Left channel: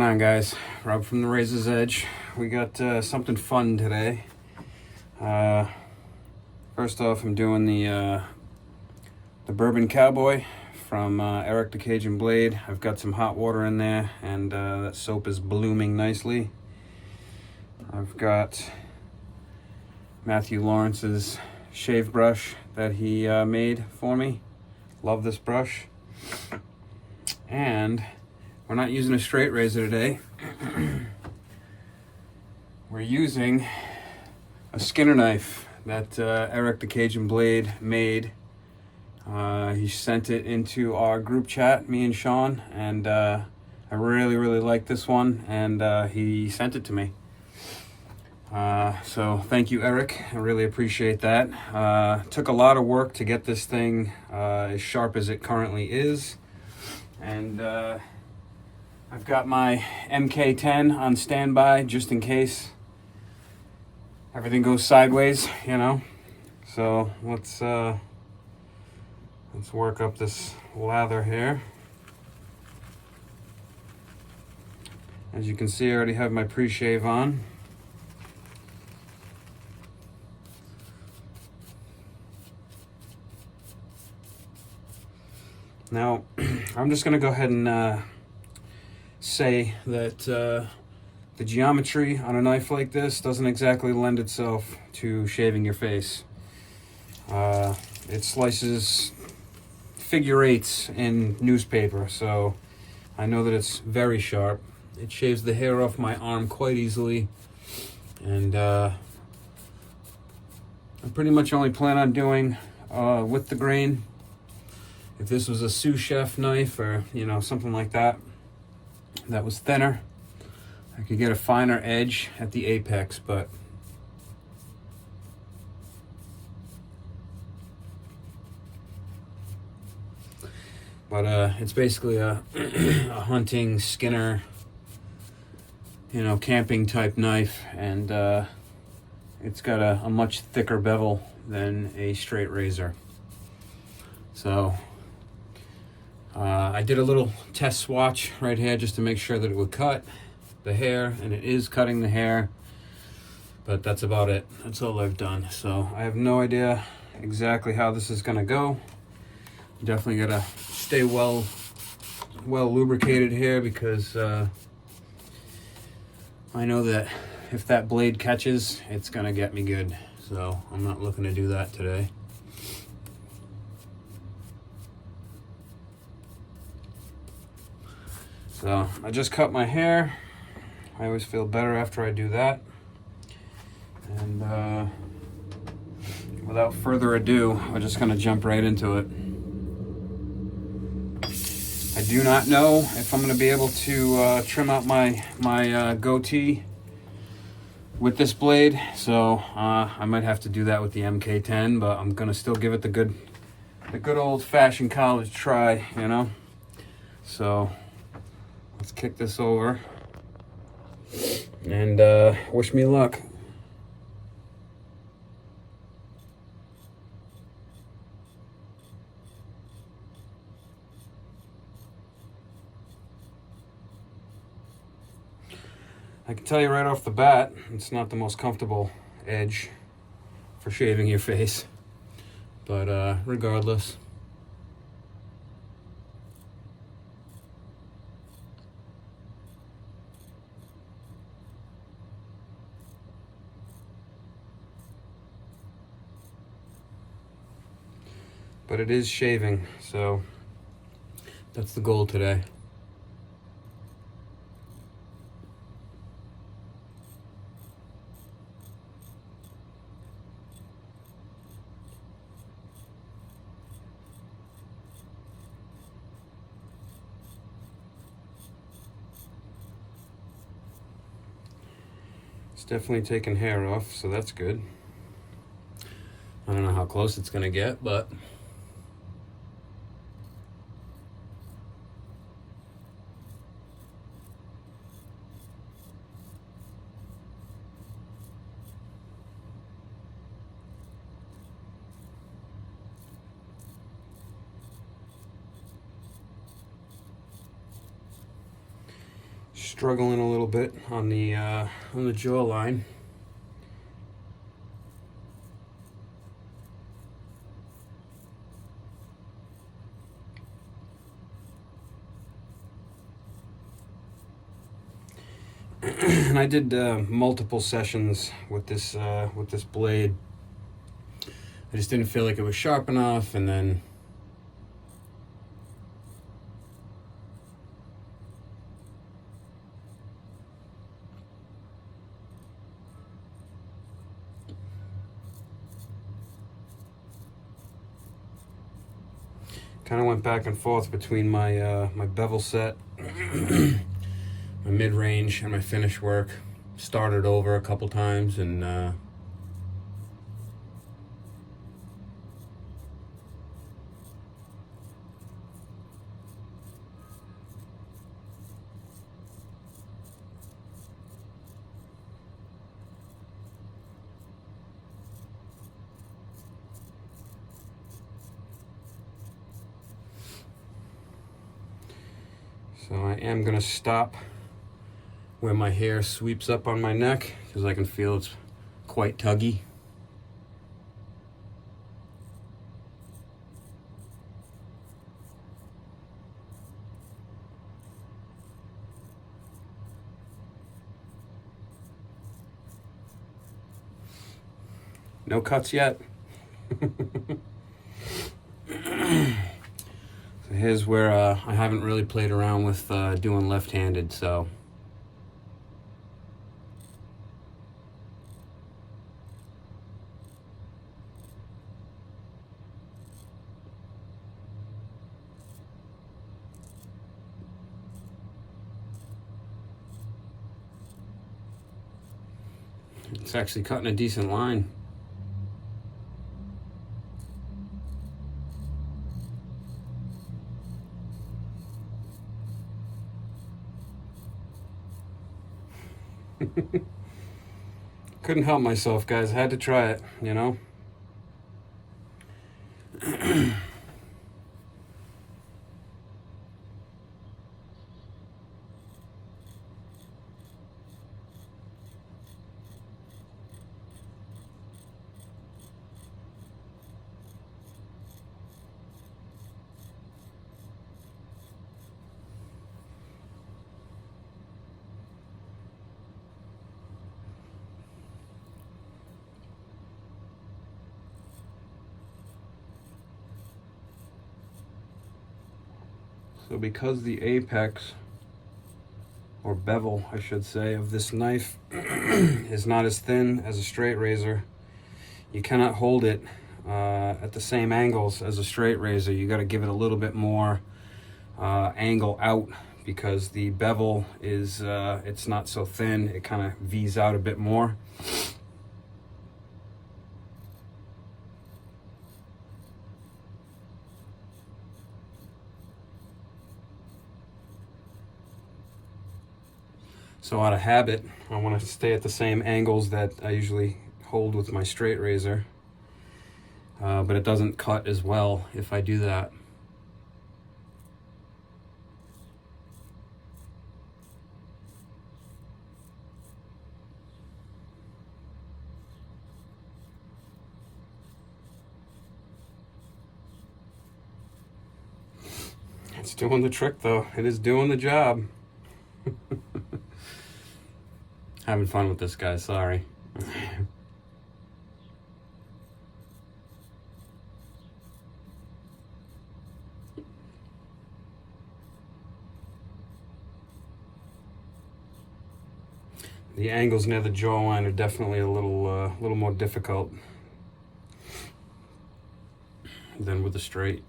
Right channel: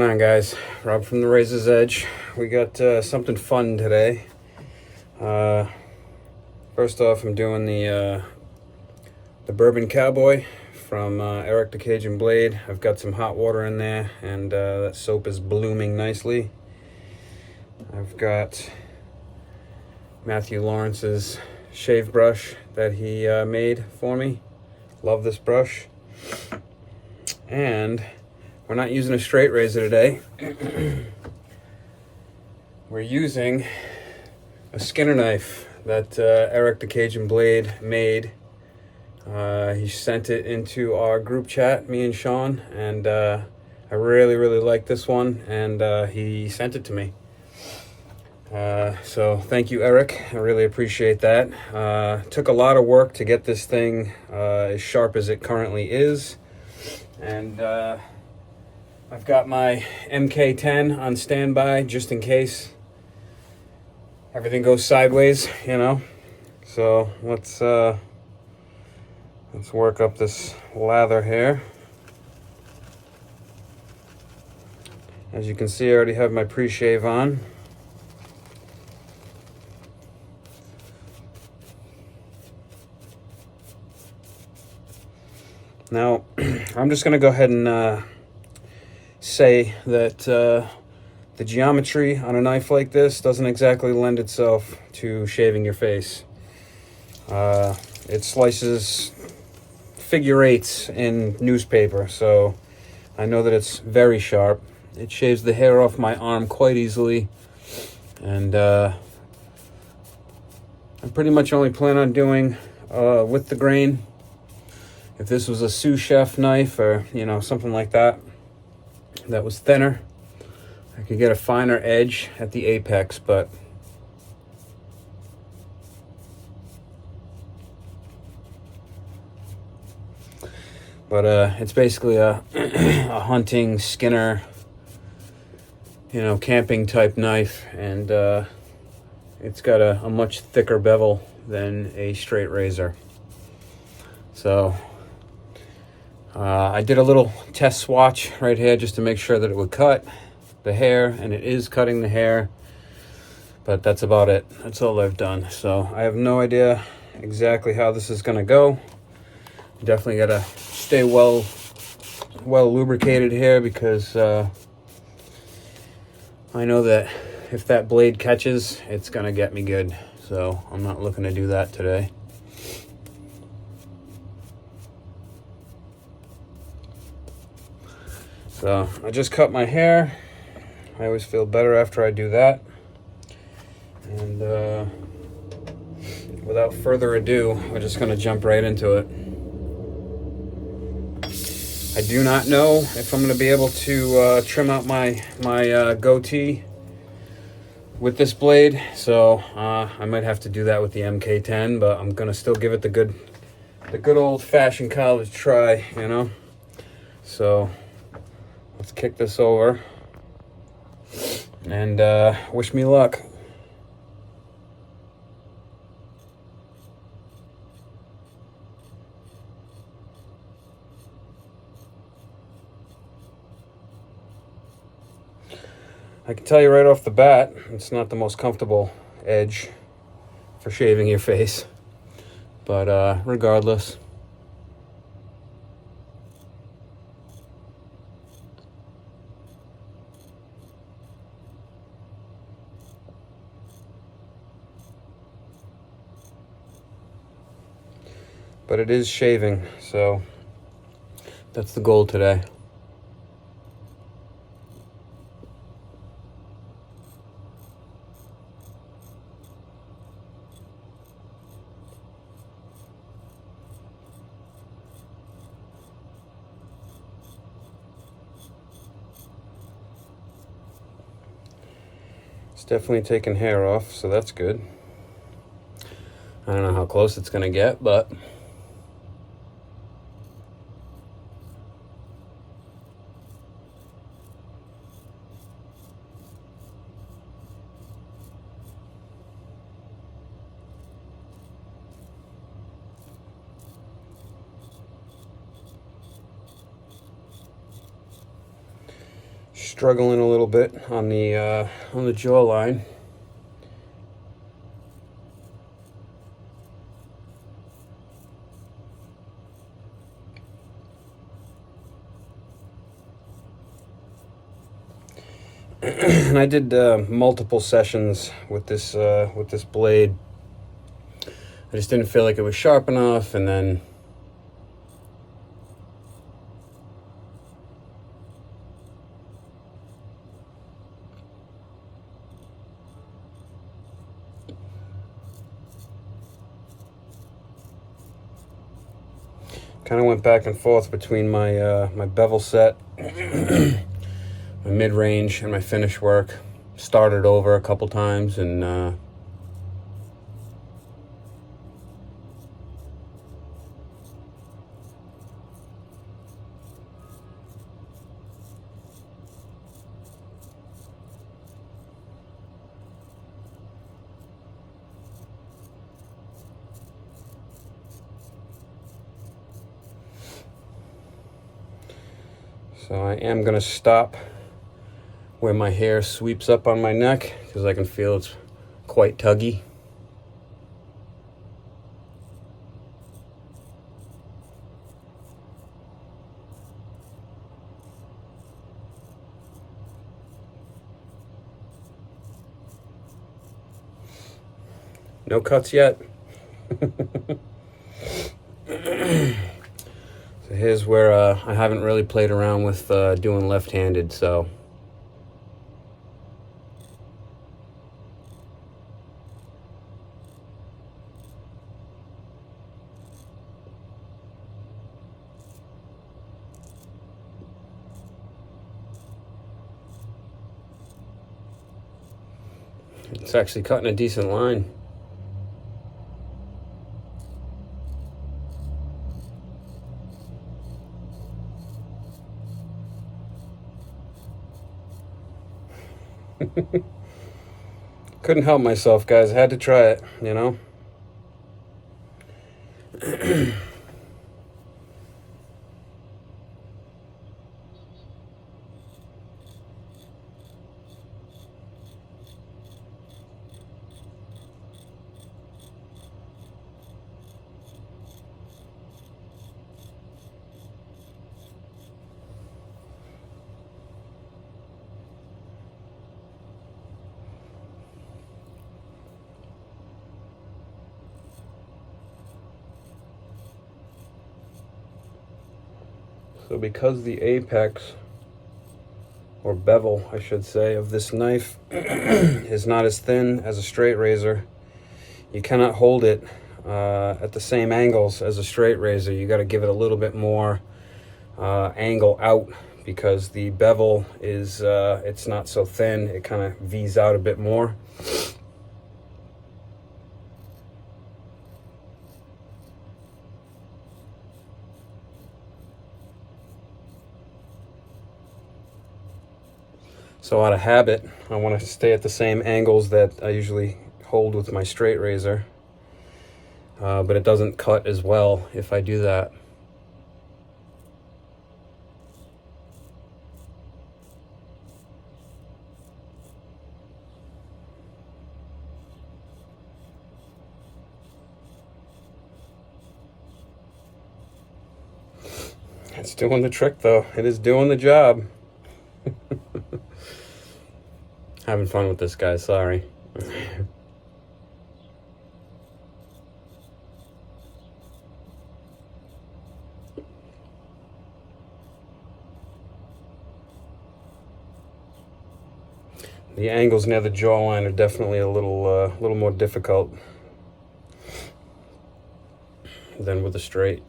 going on, guys? Rob from the Razor's Edge. We got something fun today. First off, I'm doing the Bourbon Cowboy from Eric the Cajun Blade. I've got some hot water in there, and that soap is blooming nicely. I've got Matthew Lawrence's shave brush that he made for me. Love this brush. And we're not using a straight razor today. We're using a Skinner knife that Eric the Cajun Blade made. He sent it into our group chat, me and Sean, and I really like this one, and he sent it to me. So thank you, Eric. I really appreciate that. Took a lot of work to get this thing as sharp as it currently is. And I've got my MK10 on standby just in case everything goes sideways, you know. So let's work up this lather here. As you can see, I already have my pre-shave on. Now, I'm just going to go ahead and say that the geometry on a knife like this doesn't exactly lend itself to shaving your face. It slices figure eights in newspaper, so I know that it's very sharp. It shaves the hair off my arm quite easily, and I pretty much only plan on doing with the grain. If this was a sous chef knife or, you know, something like that, that was thinner, I could get a finer edge at the apex, but it's basically a a hunting Skinner, you know, camping type knife, and it's got a much thicker bevel than a straight razor. So I did a little test swatch right here just to make sure that it would cut the hair, and it is cutting the hair, but that's about it. That's all I've done. So I have no idea exactly how this is gonna go. Definitely gotta stay well lubricated here, because I know that if that blade catches, it's gonna get me good. So I'm not looking to do that today. So I just cut my hair. I always feel better after I do that. And without further ado, we're just gonna jump right into it. I do not know if I'm gonna be able to trim out my goatee with this blade, so I might have to do that with the MK10, but I'm gonna still give it the good old-fashioned college try, you know. So let's kick this over and wish me luck. I can tell you right off the bat, it's not the most comfortable edge for shaving your face, but regardless. But it is shaving, so that's the goal today. It's definitely taking hair off, so that's good. I don't know how close it's gonna get, but struggling a little bit on the jawline. And I did multiple sessions with this blade. I just didn't feel like it was sharp enough, and then kind of went back and forth between my my bevel set, my mid-range, and my finish work. Started over a couple times, and so I am going to stop where my hair sweeps up on my neck, because I can feel it's quite tuggy. No cuts yet. So here's where I haven't really played around with doing left-handed, so it's actually cutting a decent line. Couldn't help myself, guys. I had to try it, you know? So because the apex, or bevel, I should say, of this knife is not as thin as a straight razor, you cannot hold it at the same angles as a straight razor. You got to give it a little bit more angle out, because the bevel is, it's not so thin. It kind of V's out a bit more. So out of habit, I want to stay at the same angles that I usually hold with my straight razor. But it doesn't cut as well if I do that. It's doing the trick though. It is doing the job. Having fun with this, guy, sorry. The angles near the jawline are definitely a little more difficult than with the straight.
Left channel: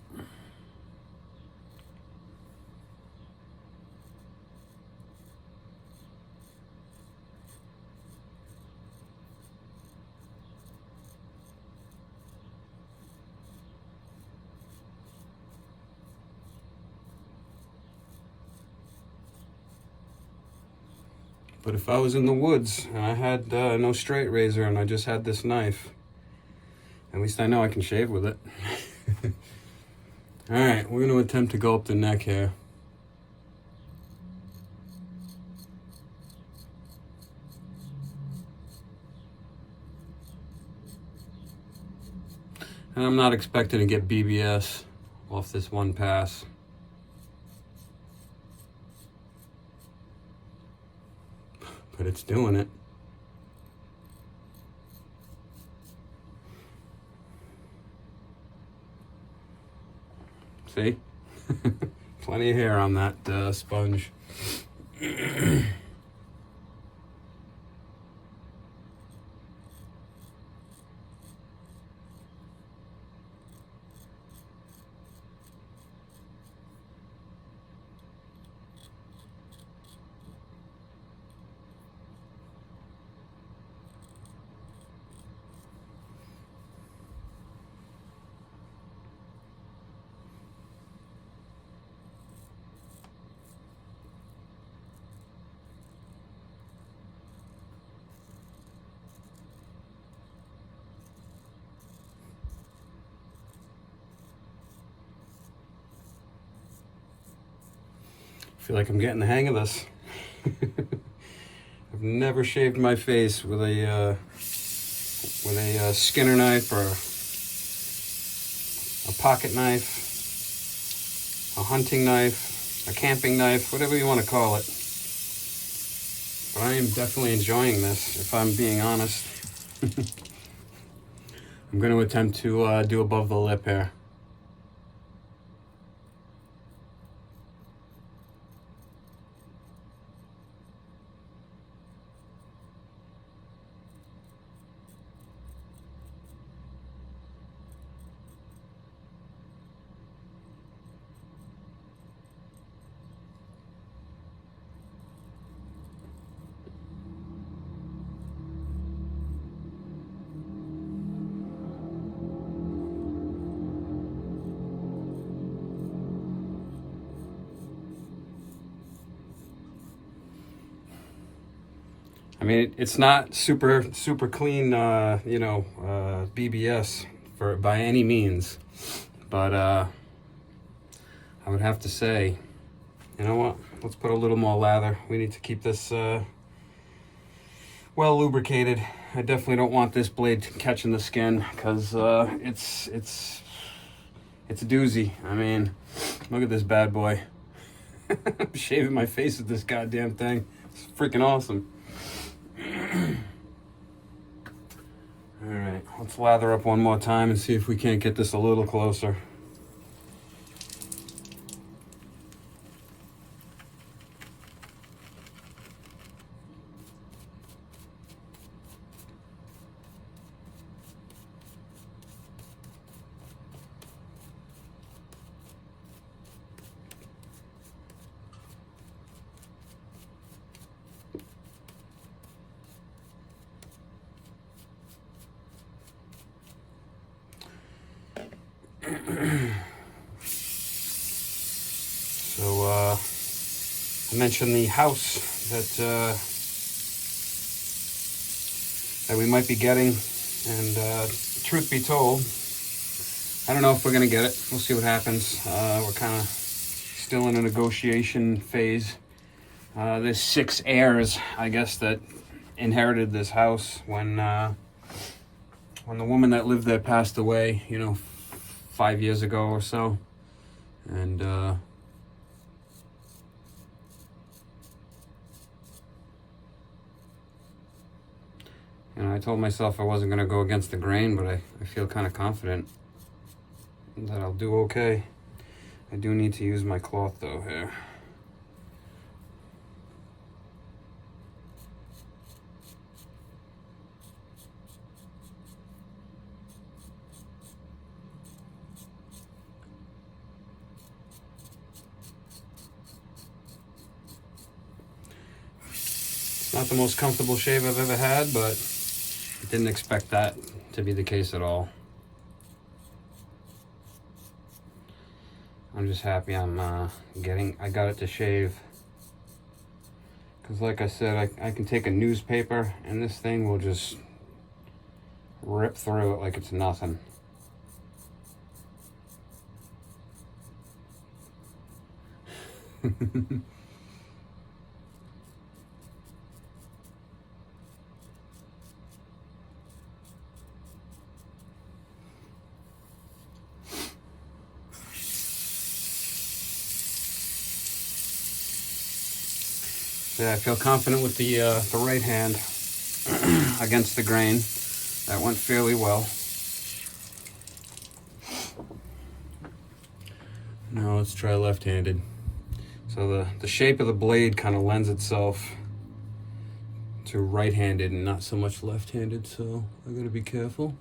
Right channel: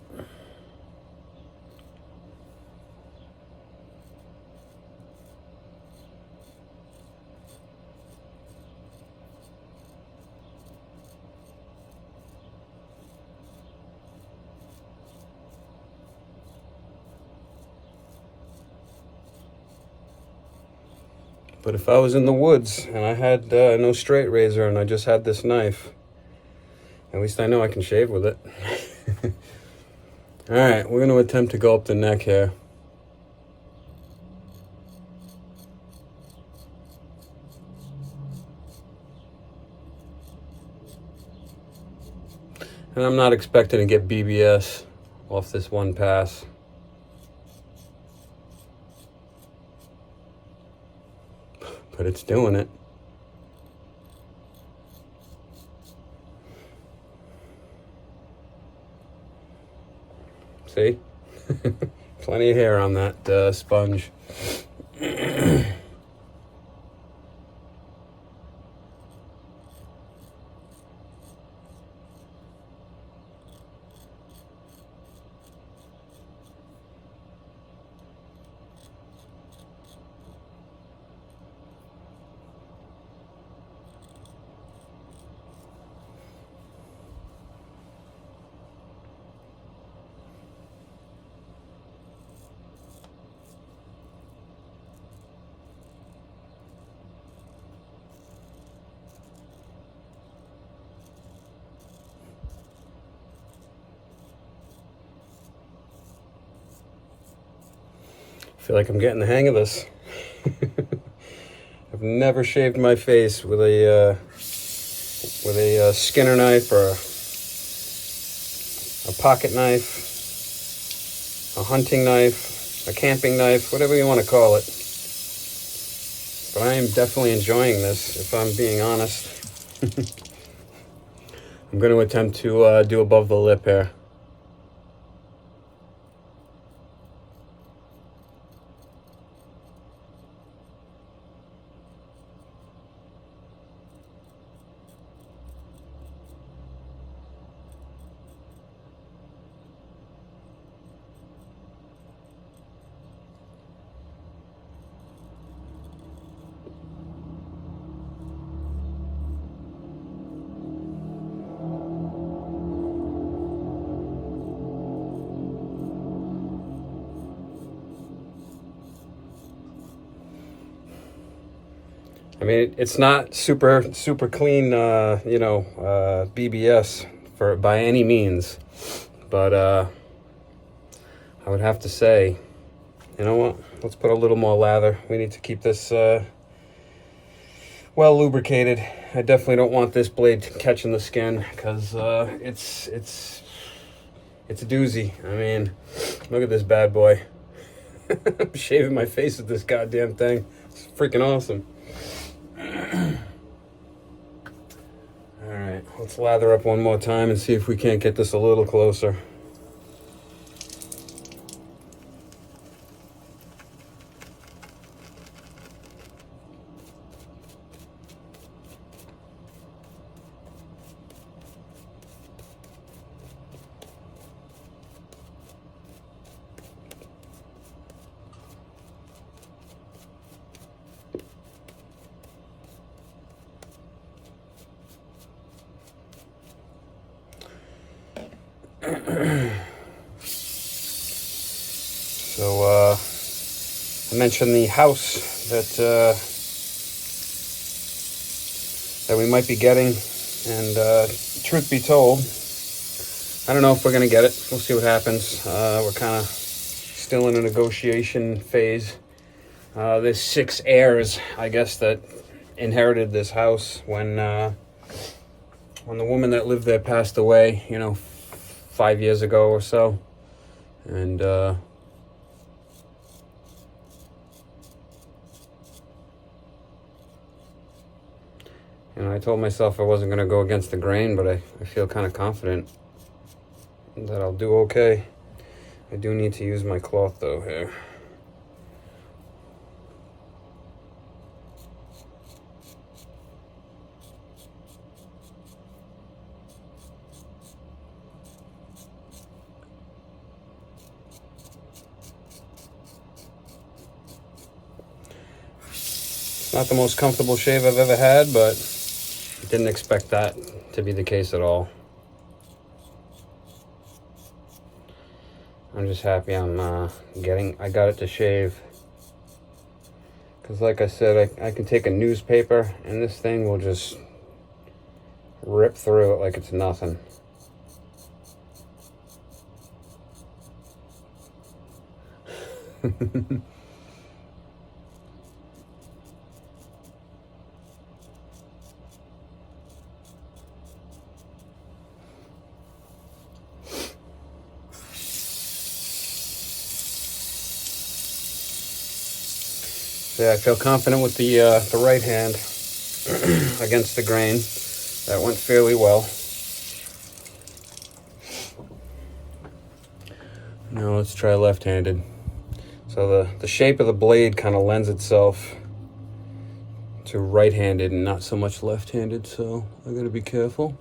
But if I was in the woods and I had no straight razor and I just had this knife, at least I know I can shave with it. All right, we're going to attempt to go up the neck here. And I'm not expecting to get BBS off this one pass. But it's doing it. See? Plenty of hair on that sponge. I feel like I'm getting the hang of this. I've never shaved my face with a Skinner knife or a pocket knife, a hunting knife, a camping knife, whatever you want to call it. But I am definitely enjoying this, if I'm being honest. I'm going to attempt to do above the lip here. I mean, it's not super clean, BBS by any means, but I would have to say, you know what? Let's put a little more lather. We need to keep this well lubricated. I definitely don't want this blade catching the skin because it's a doozy. I mean, look at this bad boy. I'm shaving my face with this goddamn thing. It's freaking awesome. All right, let's lather up one more time and see if we can't get this a little closer. So I mentioned the house that we might be getting, and truth be told, I don't know if we're gonna get it. We'll see what happens. We're kind of still in a negotiation phase. There's 6 heirs, I guess, that inherited this house when the woman that lived there passed away, 5 years ago or so. And I told myself I wasn't going to go against the grain, but I feel kind of confident that I'll do okay. I do need to use my cloth though here. It's not the most comfortable shave I've ever had, but didn't expect that to be the case at all. I'm just happy I got it to shave. Because like I said, I can take a newspaper and this thing will just rip through it like it's nothing. So yeah, I feel confident with the right hand against the grain. That went fairly well. Now let's try left-handed. So the shape of the blade kind of lends itself to right-handed and not so much left-handed, so I gotta be careful.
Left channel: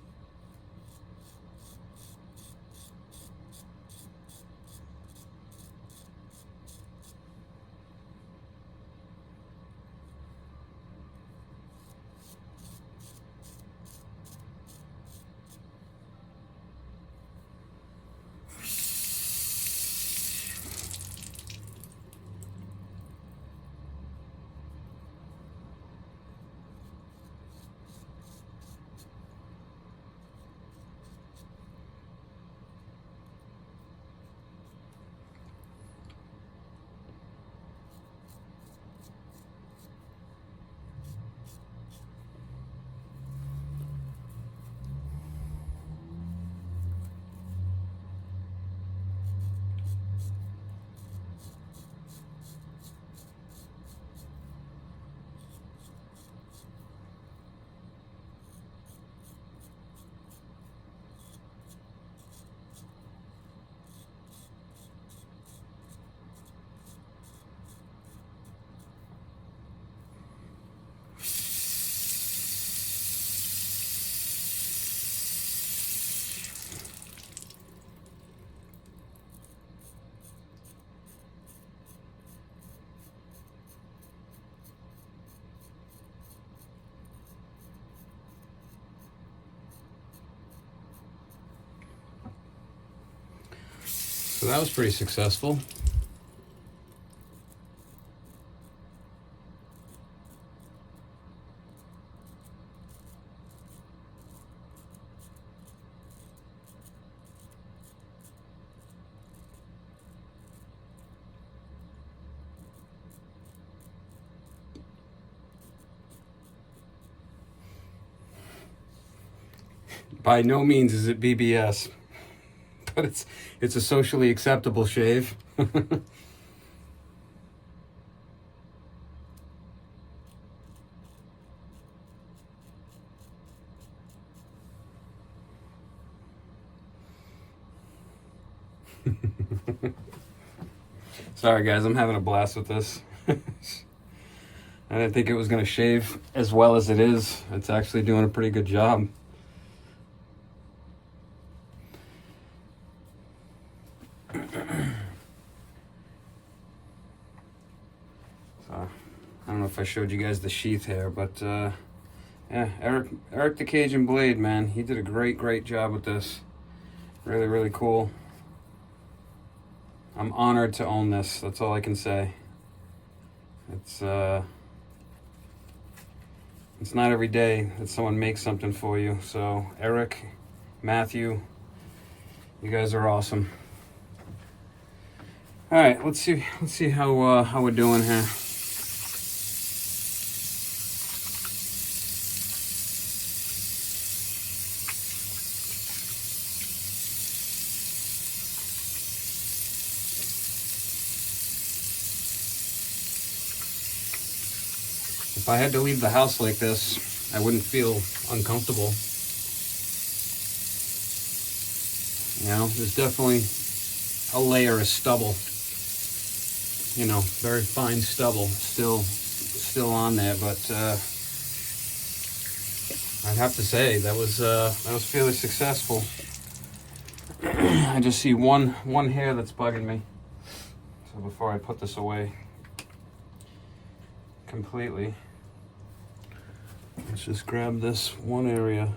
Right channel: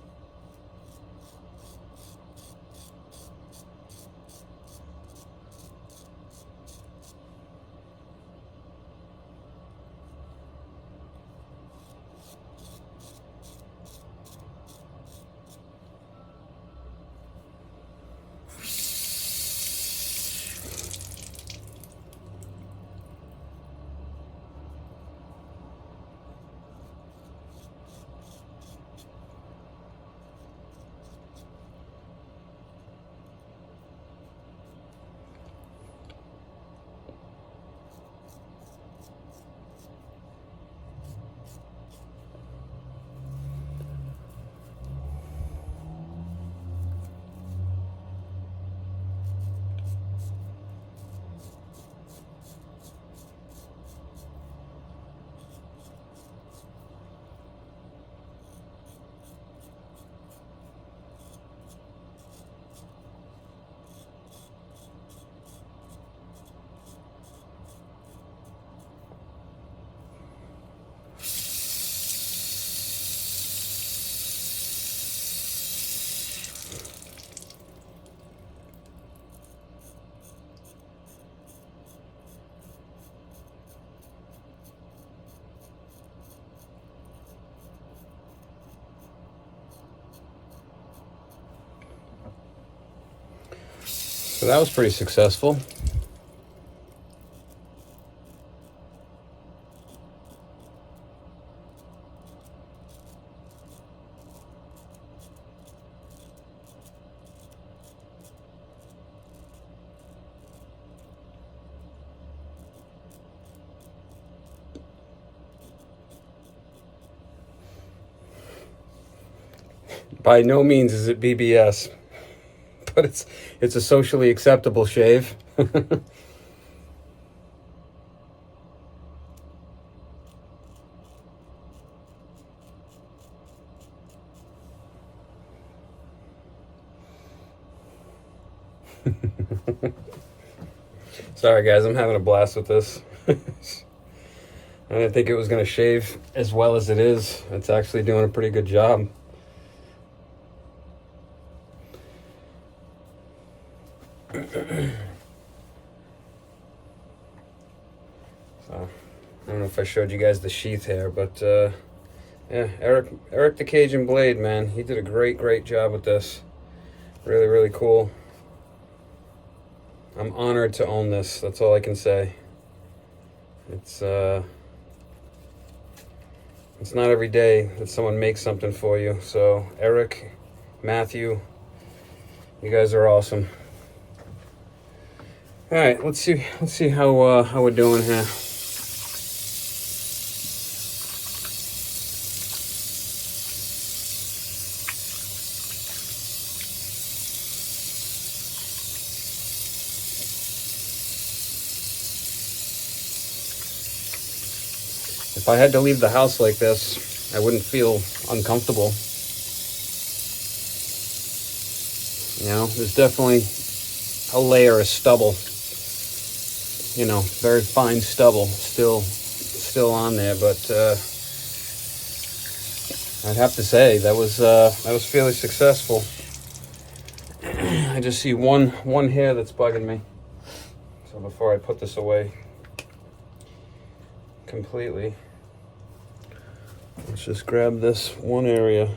So that was pretty successful. By no means is it BBS, but it's a socially acceptable shave. Sorry guys, I'm having a blast with this. I didn't think it was going to shave as well as it is. It's actually doing a pretty good job. So, I don't know if I showed you guys the sheath hair, but yeah, Eric the Cajun Blade, man, he did a great job with this. Really cool. I'm honored to own this. That's all I can say. It's not every day that someone makes something for you. So Eric, Matthew, you guys are awesome. All right, let's see how we're doing here. If I had to leave the house like this, I wouldn't feel uncomfortable. You know, there's definitely a layer of stubble. You know, very fine stubble still on there, but I'd have to say that was fairly successful. I just see one hair that's bugging me. So before I put this away completely, let's just grab this one area.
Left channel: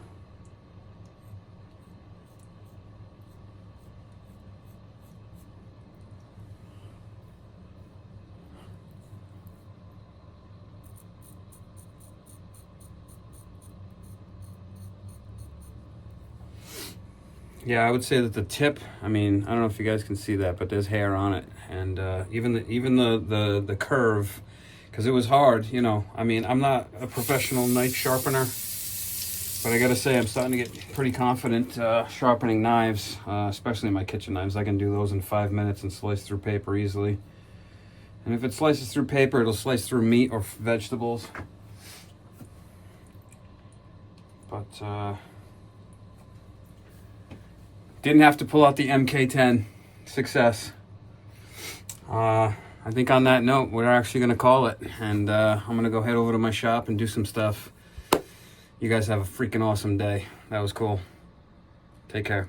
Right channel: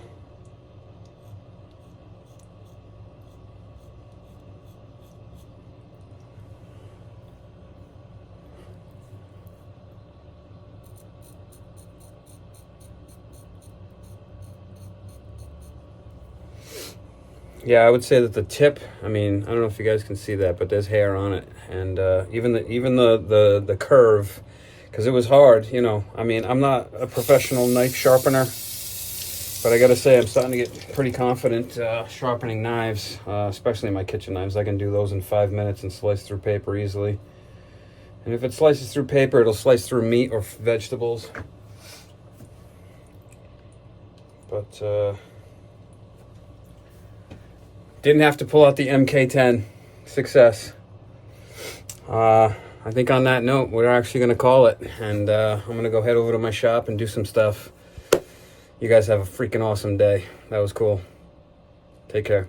Yeah, I would say that the tip, I mean, I don't know if you guys can see that, but there's hair on it. And even the curve, because it was hard, you know. I mean, I'm not a professional knife sharpener, but I gotta say I'm starting to get pretty confident sharpening knives, especially my kitchen knives. I can do those in 5 minutes and slice through paper easily. And if it slices through paper, it'll slice through meat or vegetables. But didn't have to pull out the MK10. Success. I think on that note, we're actually going to call it. And I'm going to go head over to my shop and do some stuff. You guys have a freaking awesome day. That was cool. Take care.